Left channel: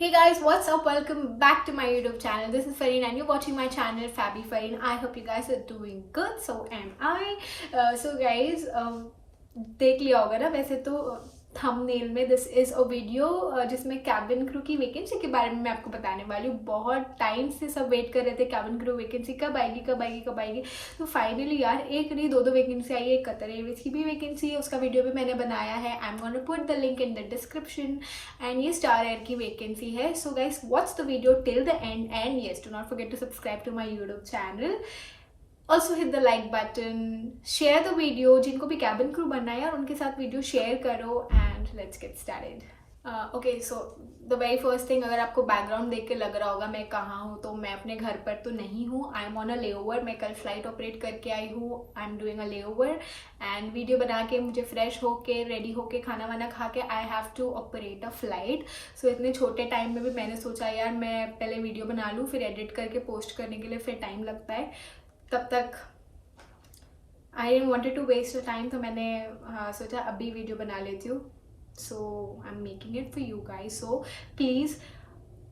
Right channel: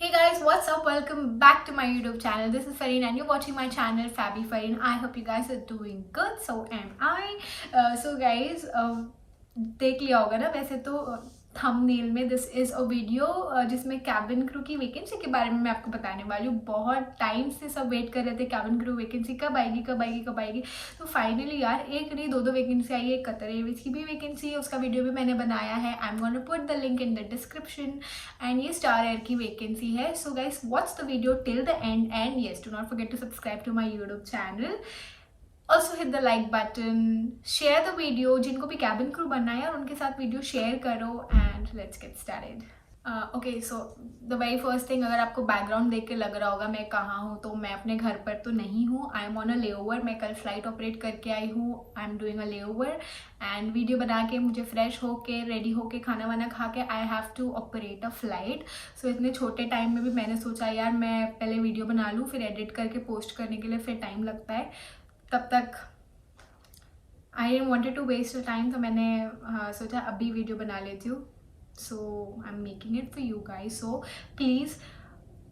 Hey guys, what's up? Welcome back to my YouTube channel. This is Fareen and you're watching my channel Fabi Fareen. I hope you guys are doing good. So am I. So guys, देख लिया होगा ना वैसे तो thumbnail में this is a video जिसमें cabin crew की vacancy के बारे में मैं आपको बताने वाली हूँ। बहुत टाइम से सब वेट कर रहे थे कैबिन क्रू वैकेंसी कब आएगी कब आएगी कब आएगी। तो फाइनली यार एक नहीं दो वैकेंसी आई है। कतर एयरवेज की भी वैकेंसी है, उसका वीडियो भी मैंने बनाया है। I am gonna put the link in the description. And ये स्टार एयर की वैकेंसी है। So guys watch the video till the end and yes do not forget to subscribe to my YouTube channel. Also hit the like button, share the video. जिनको भी cabin crew बनना है और उनके साथ video share करो and let's get started. Okay so the very first thing, अगर आपको बैकग्राउंड देख के लग रहा होगा मैं कहाँ हूँ, तो मैं अपने घर पर तो नहीं हूँ। I am on a layover. मैं कल फ्लाइट ऑपरेट करके आई हूँ। I am doing a layover and video बना के मुझे फ्रेश होके रेडी होके खाना वाना खा के I have to operate a flight. So इतने छोटे टाइम में भी मैंने सोचा यार मैं पहले वीडियो बना लूँ, फिर एडिट करके पोस्ट करने के लिए फिर टाइम लगता है। तब तक I didn't wanted to waste time, तो मैंने सोचा अभी वीडियो बना लेती हूँ। So I am making it for you guys. So please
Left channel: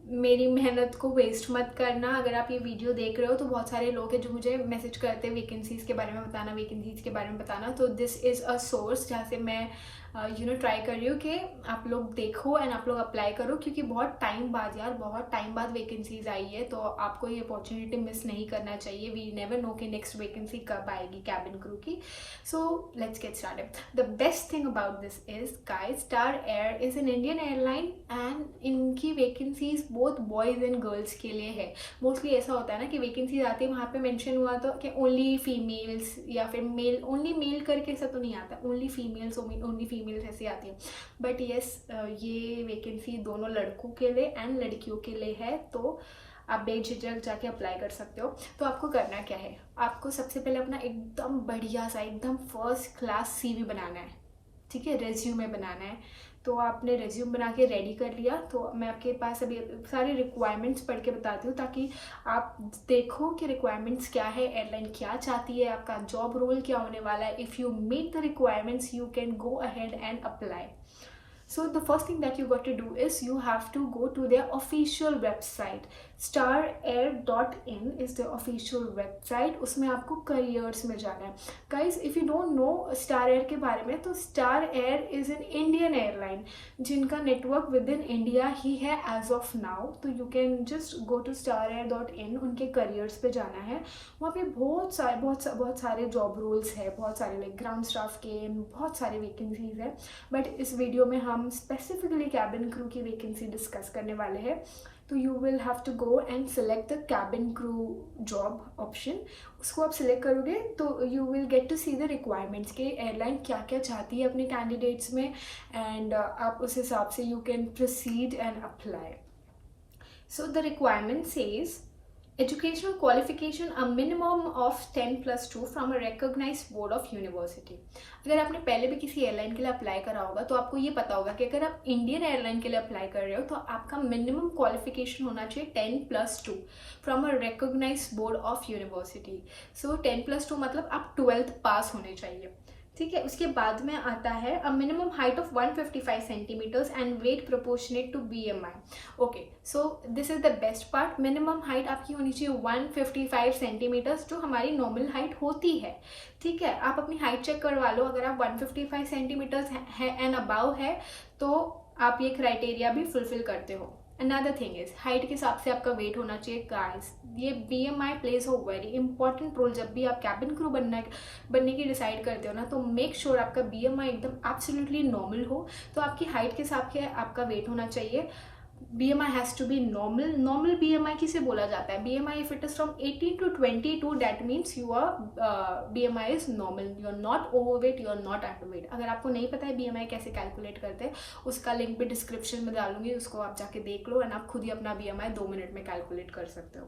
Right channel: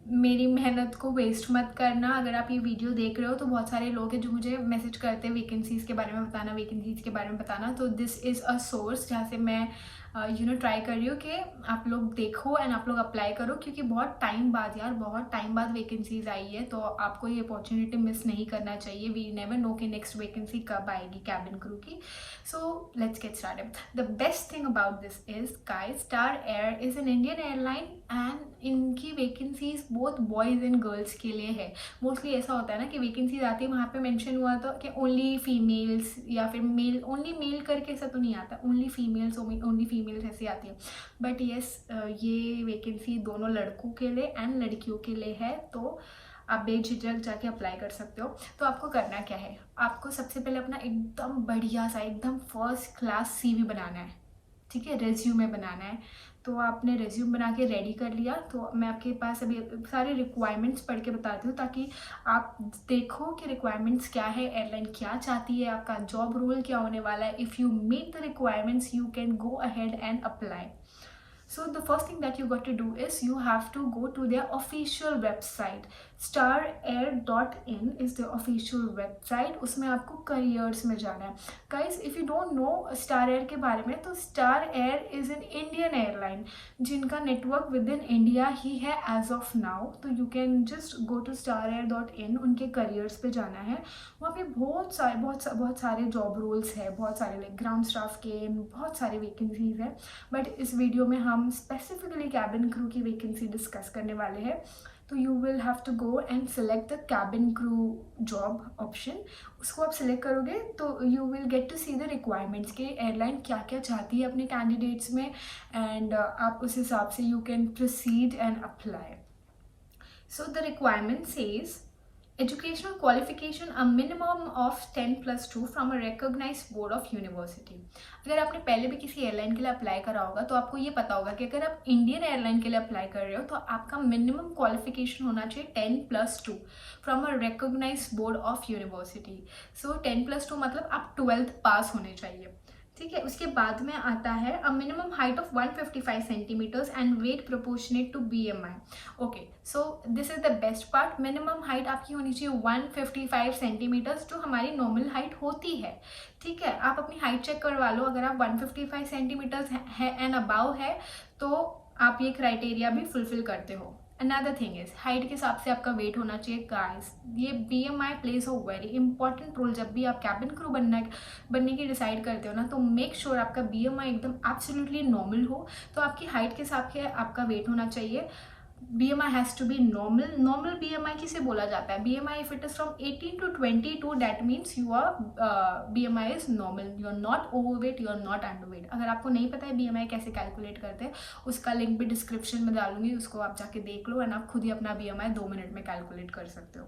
मेरी मेहनत को वेस्ट मत करना। अगर आप ये वीडियो देख रहे हो तो बहुत सारे लोग हैं जो मुझे मैसेज करते हैं वैकेंसीज़ के बारे में बताना, वैकेंसीज़ के बारे में बताना। तो दिस इज़ अ सोर्स जहाँ से मैं ट्राई कर रही हूँ कि आप लोग देखो एंड आप लोग अप्लाई करो, क्योंकि बहुत टाइम बाद यार बहुत टाइम बाद वैकेंसीज आई है। तो आपको ये अपॉर्चुनिटी मिस नहीं करना चाहिए। वी नेवर नो कि नेक्स्ट वैकेंसी कब आएगी कैबिन क्रू की। So let's get started. The best thing about this is guys, Star Air is an Indian airline and इनकी vacancies both boys and girls के लिए है। मोस्टली ऐसा होता है ना कि वैकेंसीज आती है, वहाँ पे मेंशन हुआ तो कि ओनली फीमेल्स या फिर मेल, ओनली मेल करके ऐसा तो नहीं आता, ओनली फीमेल्स ओनली फीमेल्स ऐसी आती है। बट येस ये वैकेंसी दोनों लड़कों के लिए एंड लड़कियों के लिए है। तो आप बेझिझक जाके अप्लाई कर सकते हो। तो आपको करना क्या है, आपको सबसे पहले अपना एकदम बढ़िया सा एकदम फर्स्ट क्लास सीवी बनाना है। ठीक है, रेज्यूमे बनाना है। तो आपने रेज्यूम बना के रेडी कर लिया। तो मैं आपके पास अभी सारे रिक्वायरमेंट्स पढ़ के बताती हूँ ताकि आप देखो कि रिक्वायरमेंट्स क्या है, एयरलाइन क्या चाहती है, आपका जॉब रोल क्या होने वाला है। If you meet the requirements you can go ahead and apply. So the first thing that you got to do is you have to go to their official website. starair.in is the official website. उसमें आपको careers में जाना है. Guys, if you don't know Star Air के बारे में, तो Star Air is an Indian airline जिनका network within India ही है as of now. तो you can just go to starair.in, उनके careers पे जाना है। वहाँ पे बहुत सारे जॉब रोल्स है, बहुत सारे लाइक ग्राउंड स्टाफ के बहुत सारे वैकेंसीज है। बट इस वीडियो में हम स्पेसिफिकली कैबिन क्रू की वैकेंसी डिस्कस करने वाले हैं। तो you will have to go and select the cabin crew job option. उसको आप सिलेक्ट करोगे तो you will get to see the requirements के एयरलाइन क्या क्या चाहती है अपने कैंडिडेट्स में। एंड आप उस हिसाब से you can proceed and apply. So the requirement says educational qualification a minimum of 10+2 from a recognized board of university. अगर आपने पहले भी किसी एयरलाइन के लिए अप्लाई करा होगा तो आपको ये पता होगा कि अगर आप इंडियन एयरलाइन के लिए अप्लाई कर रहे हो तो आपका मिनिमम क्वालिफिकेशन होना चाहिए 10+2 from a recognized board of university. So 10+2 मतलब आप 12th पास होने चाहिए. ठीक है, उसके बाद में आता है a minimum height of 155 centimetres and weight proportionate to BMI. Okay, so this is the best part. Minimum height आपकी होनी चाहिए 155 सेंटीमीटर्स, जो हमारी नॉर्मल हाइट होती है. ठीक है, आप अपनी हाइट चेक करवा लो. अगर आप 155 सेंटीमीटर्स है एंड अबाव है तो आप ये क्राइटेरिया भी फुलफिल करते हो. अनदर थिंग इज हाइट के हिसाब से आपका वेट होना चाहिए. गाइस, ये BMI plays a very important role. जब भी आप कैबिन क्रू बनने की डिसाइड करते हो ना, तो मेक श्योर आपका BMI एकदम एब्सोल्युटली नॉर्मल हो. तो आपकी हाइट के हिसाब से आपका वेट होना चाहिए. BMI has to be normal. Normal BMI किसे बोला जाता है? BMI if it is from 18 to 22, that means you are BMI is normal. You are not overweight, you are not underweight. अगर आपको नहीं पता है BMI कैसे कैलकुलेट करते हैं, उसका लिंक भी डिस्क्रिप्शन में डालूंगी, उसको आप जाके देख लो एंड आप खुद ही अपना BMI 2 मिनट में कैलकुलेट कर सकते हो.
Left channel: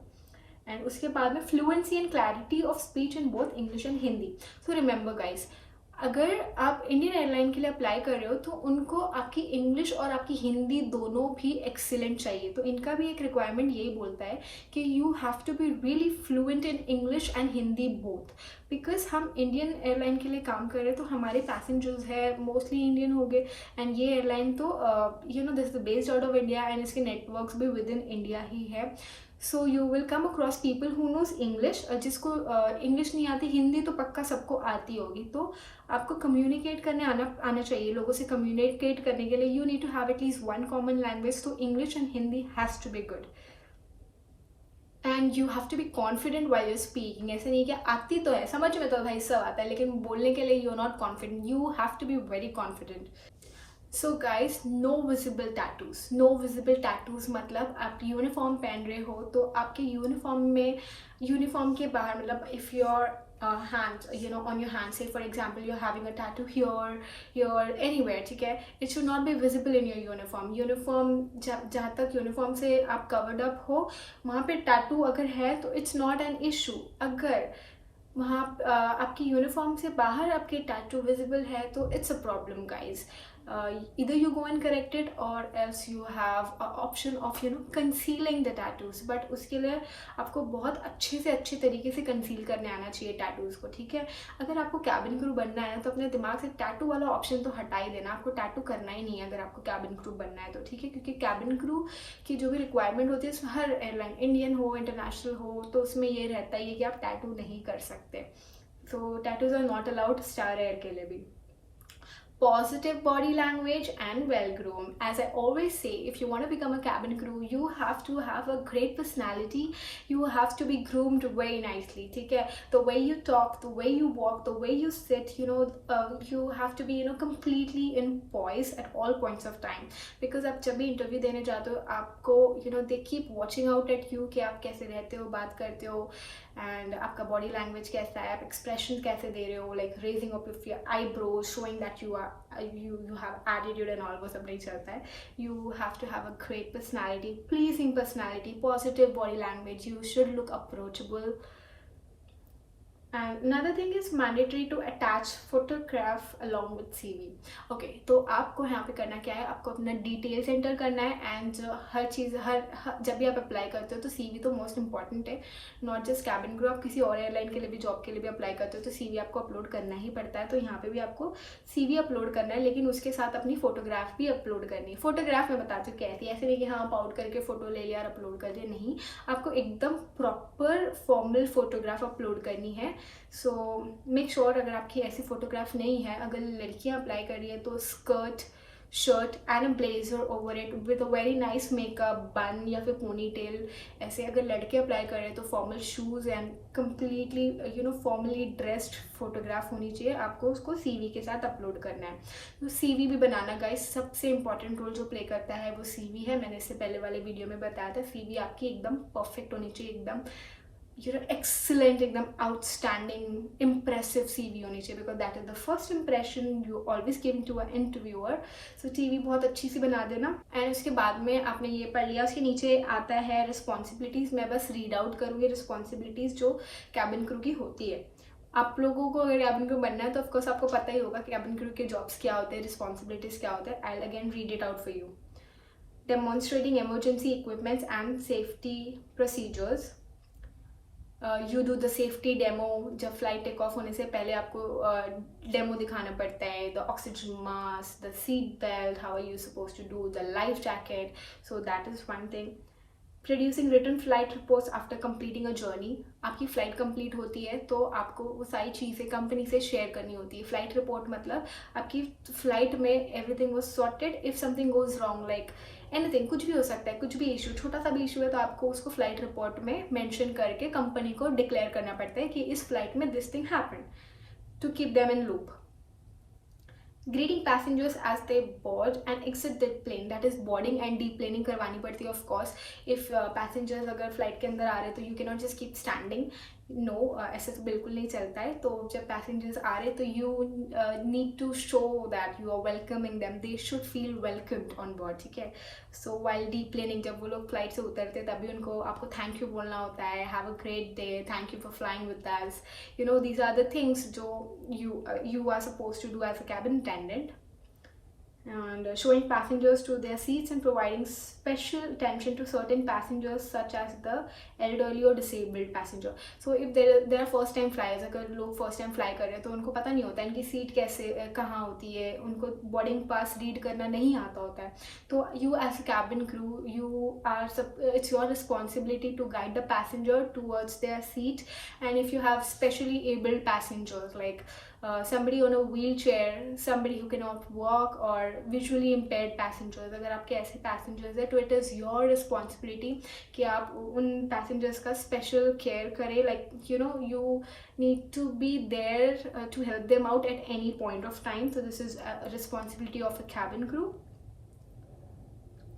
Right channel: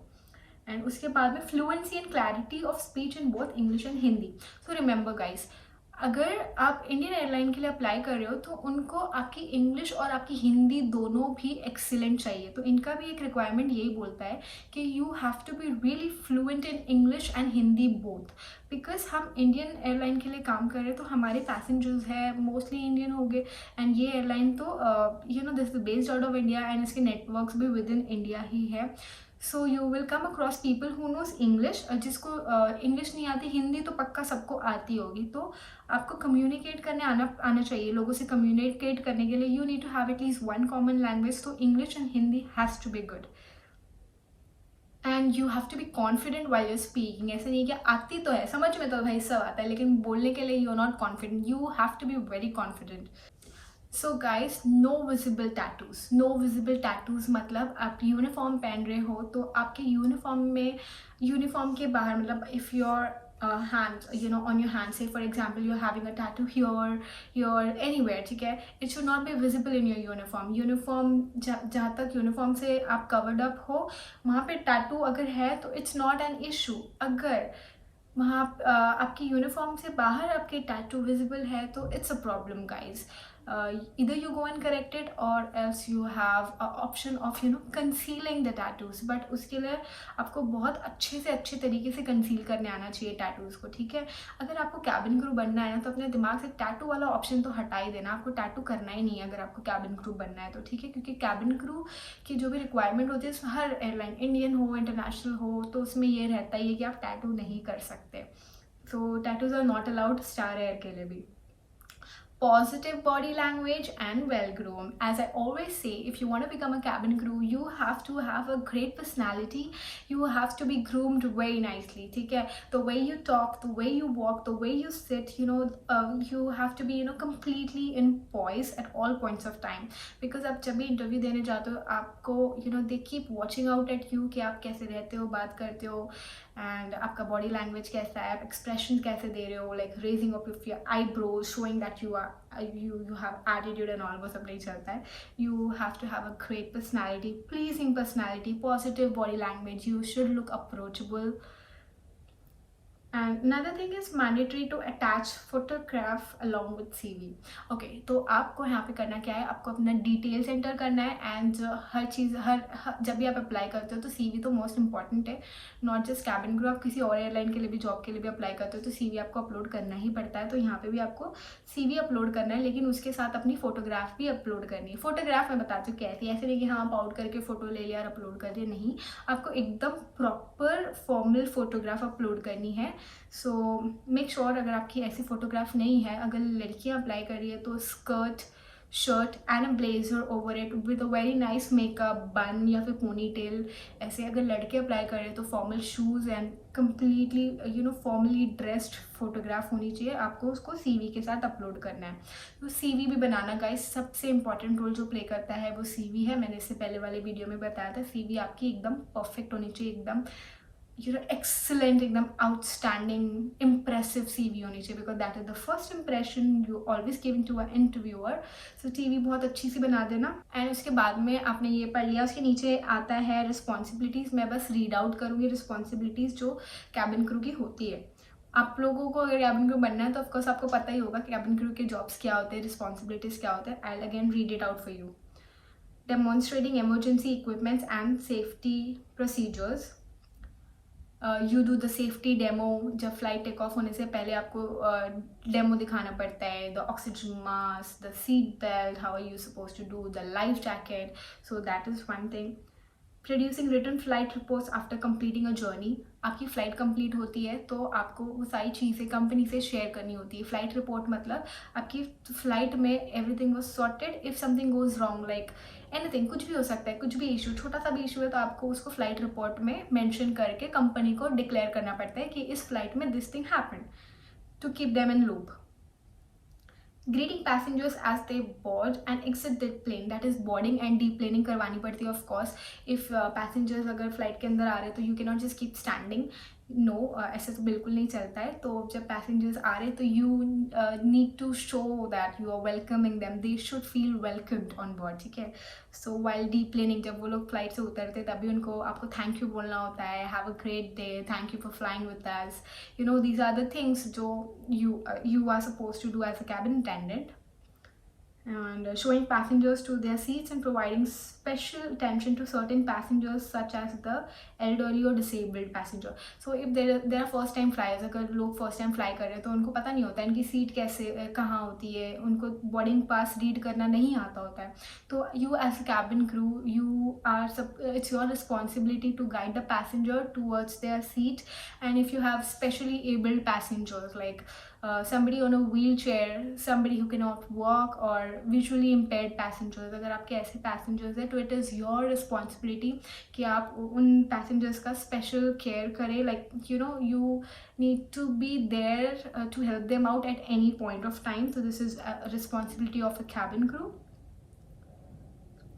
एंड उसके बाद में fluency and clarity of speech in both English and Hindi. So remember guys, अगर आप इंडियन एयरलाइन के लिए अप्लाई कर रहे हो तो उनको आपकी इंग्लिश और आपकी हिंदी दोनों भी एक्सीलेंट चाहिए। तो इनका भी एक रिक्वायरमेंट यही बोलता है कि you have to be really fluent in English and Hindi both. Because हम इंडियन एयरलाइन के लिए काम कर रहे हैं तो हमारे पैसेंजर्स है मोस्टली इंडियन हो गए, एंड ये एयरलाइन तो this is based out of India and इसके नेटवर्क्स भी विद इन इंडिया ही है। So you will come across people who knows English, जिसको इंग्लिश नहीं आती, हिंदी तो पक्का सबको आती होगी। तो आपको कम्युनिकेट करने आना चाहिए। लोगों से कम्युनिकेट करने के लिए you need to have at least one common language. तो English and Hindi has to be good and you have to be confident while your speaking. ऐसा नहीं कि आती तो है, समझ में तो भाई सब आता है, लेकिन बोलने के लिए you are not confident. You have to be very confident. So guys, no visible tattoos. No visible tattoos मतलब आप यूनिफॉर्म पहन रहे हो तो आपके यूनिफॉर्म के बाहर, मतलब if your hands, on your hand, say for example you're having a tattoo here anywhere, ठीक है, it should not be visible in your uniform जहाँ तक यूनिफॉर्म से आप कवर्ड अप हो वहाँ पे टैटू अगर है तो इट्स नॉट एन इशू। अगर वहाँ आपकी यूनिफॉर्म से बाहर आपके टैटू विजिबल है तो it's a problem guys. either you go and correct it or else you have a option of concealing the tattoos, but उसके लिए आपको बहुत अच्छे से अच्छे तरीके से कंसील करने आना चाहिए टैटूज़ को, ठीक है। अगर आपको कैबिन क्रू बनना है तो अपने दिमाग से टैटू वाला ऑप्शन तो हटा ही देना। आपको टैटू करना ही नहीं है अगर आपको कैबिन क्रू बनना है तो, ठीक है, क्योंकि कैबिन क्रू की जो भी रिक्वायरमेंट होती है उसमें हर एयरलाइन, इंडियन हो इंटरनेशनल हो, तो उसमें ये रहता ही है कि आप टैटू नहीं कर सकते। So tattoos are not allowed Star Air के लिए भी। Positive body language and well groomed. As I always say, if you want to become a cabin crew, you have to have a great personality. You have to be groomed very nicely, ठीक है। The way you talk, the way you walk, the way you sit, you have to be completely in poise at all points of time, because आप जब भी interview देने जाते हो आपको they keep watching out at you कि आप कैसे रहते हो, बात करते हो, एंड आपका बॉडी लैंग्वेज कैसा है, आप एक्सप्रेशन कैसे दे रहे हो, like raising of your eyebrows showing that you have attitude and all, वो सब नहीं चलता है। You have to have a great personality, pleasing personality, positive body language, you should look approachable. And another thing is mandatory to attach photograph along with CV. Okay, तो आपको यहाँ पे करना क्या है, आपको अपना डिटेल्स एंटर करना है, एंड हर चीज़ जब भी आप अप्लाई करते हो तो CV तो मोस्ट इंपॉर्टेंट है। नॉट जस्ट कैबिन क्रू, आप किसी और एयरलाइन के लिए भी, जॉब के लिए भी अप्लाई करते हो तो CV आपको अपलोड करना ही पड़ता है। तो यहाँ पे भी आपको CV अपलोड करना है, लेकिन उसके साथ अपनी फोटोग्राफ भी अपलोड करनी है। फोटोग्राफ मैं बताती हूँ कैसी, ऐसे नहीं कि हाँ आप आउट करके फ़ोटो ले लिया और अपलोड कर दिया, नहीं, आपको एकदम प्रॉपर फॉर्मल फोटोग्राफ अपलोड करनी है। सो मेक श्योर अगर आपकी ऐसी फोटोग्राफ नहीं है, अगर लड़कियां अप्लाई कर रही है तो skirt, shirt and a blazer over it with a very nice makeup, बन या फिर पोनी टेल, ऐसे। अगर लड़के अप्लाई कर रहे हैं तो formal shoes and completely formally dressed photograph होनी चाहिए। आपको उसको CV के साथ अपलोड करना है। तो CV भी बनाना गाइस, सबसे इंपॉर्टेंट रोल जो प्ले करता है वो CV है। मैंने इससे पहले वाले वीडियो में बताया था, CV आपकी एकदम परफेक्ट होनी चाहिए, एकदम excellent, एकदम आउटस्टैंडिंग इम्प्रेसिव CV होनी चाहिए, because that is the first impression you always giving to a interviewer. So CV बहुत अच्छी सी बना देना। एंड उसके बाद में आपने ये पढ़ लिया, उसके नीचे आता है रिस्पॉन्सिबिलिटीज़। मैं बस रीड आउट करूँगी रिस्पॉन्सिबिलिटीज़ जो कैबिन क्रू की होती है। आप लोगों को अगर कैबिन क्रू बनना है तो ऑफकोर्स आपको पता ही होगा कैबिन क्रू के जॉब्स क्या होते हैं, रिस्पॉन्सिबिलिटीज़ क्या होते हैं। I will again read it out for you. Demonstrating emergency equipments and safety procedures. You do the safety demo. जब फ्लाइट टेक ऑफ होने से पहले आपको डेमो दिखाना पड़ता है, the oxygen mask, the seat belt, how are you suppose to do, the life jacket. So that is one thing. Producing written flight reports after completing a journey. आपकी flight complete होती है तो आपको वो सारी चीज़ें कंपनी से share करनी होती है। फ्लाइट रिपोर्ट मतलब आपकी फ़्लाइट में everything was sorted, if something goes wrong, like anything, कुछ भी हो सकता है, कुछ भी इशू, छोटा सा भी इशू है तो आपको उसको फ्लाइट रिपोर्ट में मेंशन करके कंपनी को डिक्लेयर करना पड़ता है कि इस फ्लाइट में this thing happened, to keep them in loop. Greeting passengers as they board and exit the plane, that is boarding and deplaning करवानी पड़ती है ऑफ कोर्स। इफ पैसेंजर्स अगर फ्लाइट के अंदर आ रहे हैं तो you can not just keep standing, no ऐसे तो बिल्कुल नहीं चलता है। तो जब पैसेंजर्स आ रहे तो you need to show that you are welcoming them, they should feel welcomed on board, ठीक है। सो वाइल डीप्लेनिंग, जब वो लोग फ्लाइट से उतरते तभी उनको आपको थैंक यू बोलना होता है, have a great day, thank you for flying with us, you know these are the things जो you are suppose to do as a cabin attendant. And showing passengers to their seats and providing special attention to certain passengers such as the elderly or disabled passenger. So if there are first time flyers, अगर लोग first time fly कर रहे हैं तो उनको पता नहीं होता इनकी सीट कैसे कहाँ होती है, उनको boarding pass read करना नहीं आता होता है। तो you as a cabin crew, it's your responsibility to guide the passenger towards their seat. And if you have specially abled passengers like somebody on a wheelchair, somebody who cannot walk, or visually impaired passengers, अगर आपके ऐसे passengers हैं तो it is your responsibility कि आप उन passengers का special care करें, like you know you need to be there to help them out at any point of time. So this is a responsibility of a cabin crew.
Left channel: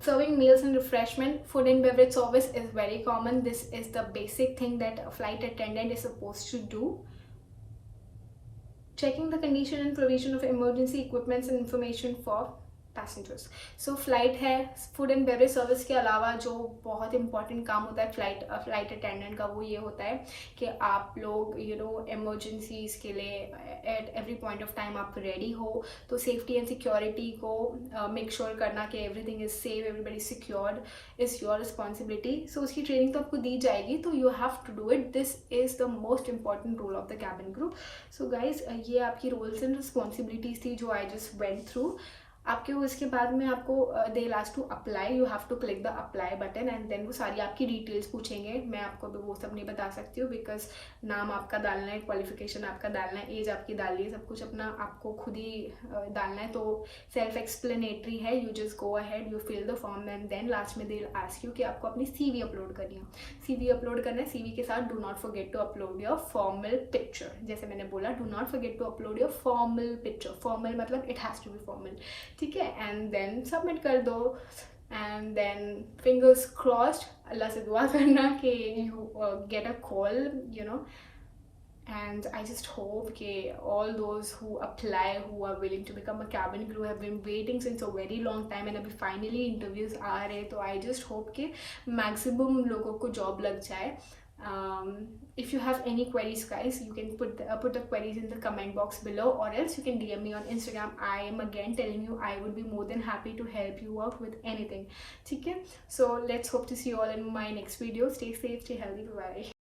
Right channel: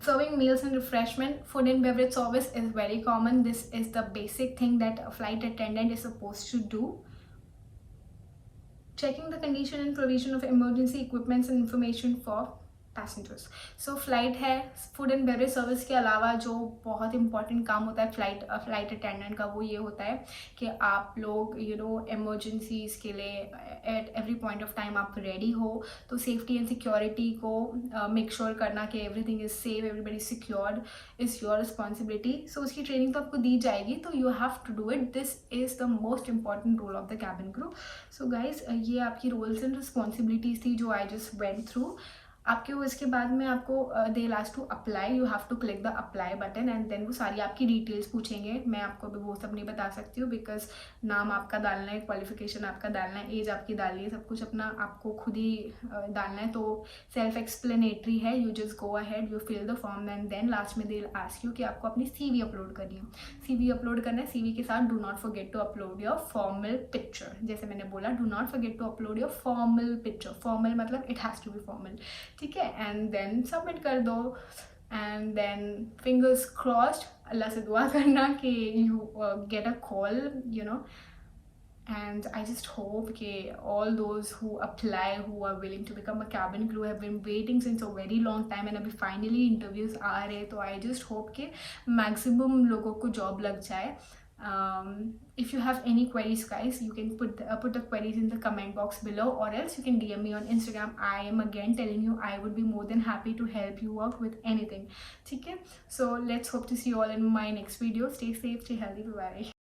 Serving meals and refreshment, food and beverage service is very common. This is the basic thing that a flight attendant is supposed to do. Checking the condition and provision of emergency equipments and information for passengers. So flight है, food and beverage service के अलावा जो बहुत important काम होता है flight attendant का वो ये होता है कि आप लोग यू नो एमरजेंसीज के लिए at every point of time आप रेडी हो। तो सेफ्टी एंड सिक्योरिटी को मेक श्योर करना कि everything is safe, everybody secured is your responsibility. So उसकी ट्रेनिंग तो आपको दी जाएगी, तो you have to do it. This is the most important role of the cabin crew. So guys ये आपकी रोल्स एंड रिस्पॉन्सिबिलिटीज़ थी जो आई जस्ट वेंट थ्रू। आपके उसके बाद में आपको दे last to apply, you have to click the apply button and then वो सारी आपकी डिटेल्स पूछेंगे। मैं आपको भी वो सब नहीं बता सकती हूँ बिकॉज नाम आपका डालना है, क्वालिफिकेशन आपका डालना है, एज आपकी डालनी है, सब कुछ अपना आपको खुद ही डालना है। तो सेल्फ एक्सप्लेनेटरी है, you just go ahead, you fill the form and then last में दे आस्क यू कि आपको अपनी CV अपलोड करनी है। CV अपलोड करना है, CV के साथ do not forget to upload your formal picture. जैसे मैंने बोला, do not forget to upload your formal picture. Formal मतलब it has to be formal, ठीक है। एंड देन सबमिट कर दो एंड देन फिंगर्स क्रॉस्ड, अल्लाह से दुआ करना कि you get a call, you know. And I just hope that all those who apply, who are willing to become a cabin crew, have been waiting since a very long time and अभी finally interviews आ रहे, तो I just hope कि maximum लोगों को job लग जाए। If you have any queries guys, you can put the queries in the comment box below, or else you can DM me on Instagram. I am again telling you, I would be more than happy to help you out with anything, okay? So let's hope to see you all in my next video. Stay safe, stay healthy, bye bye.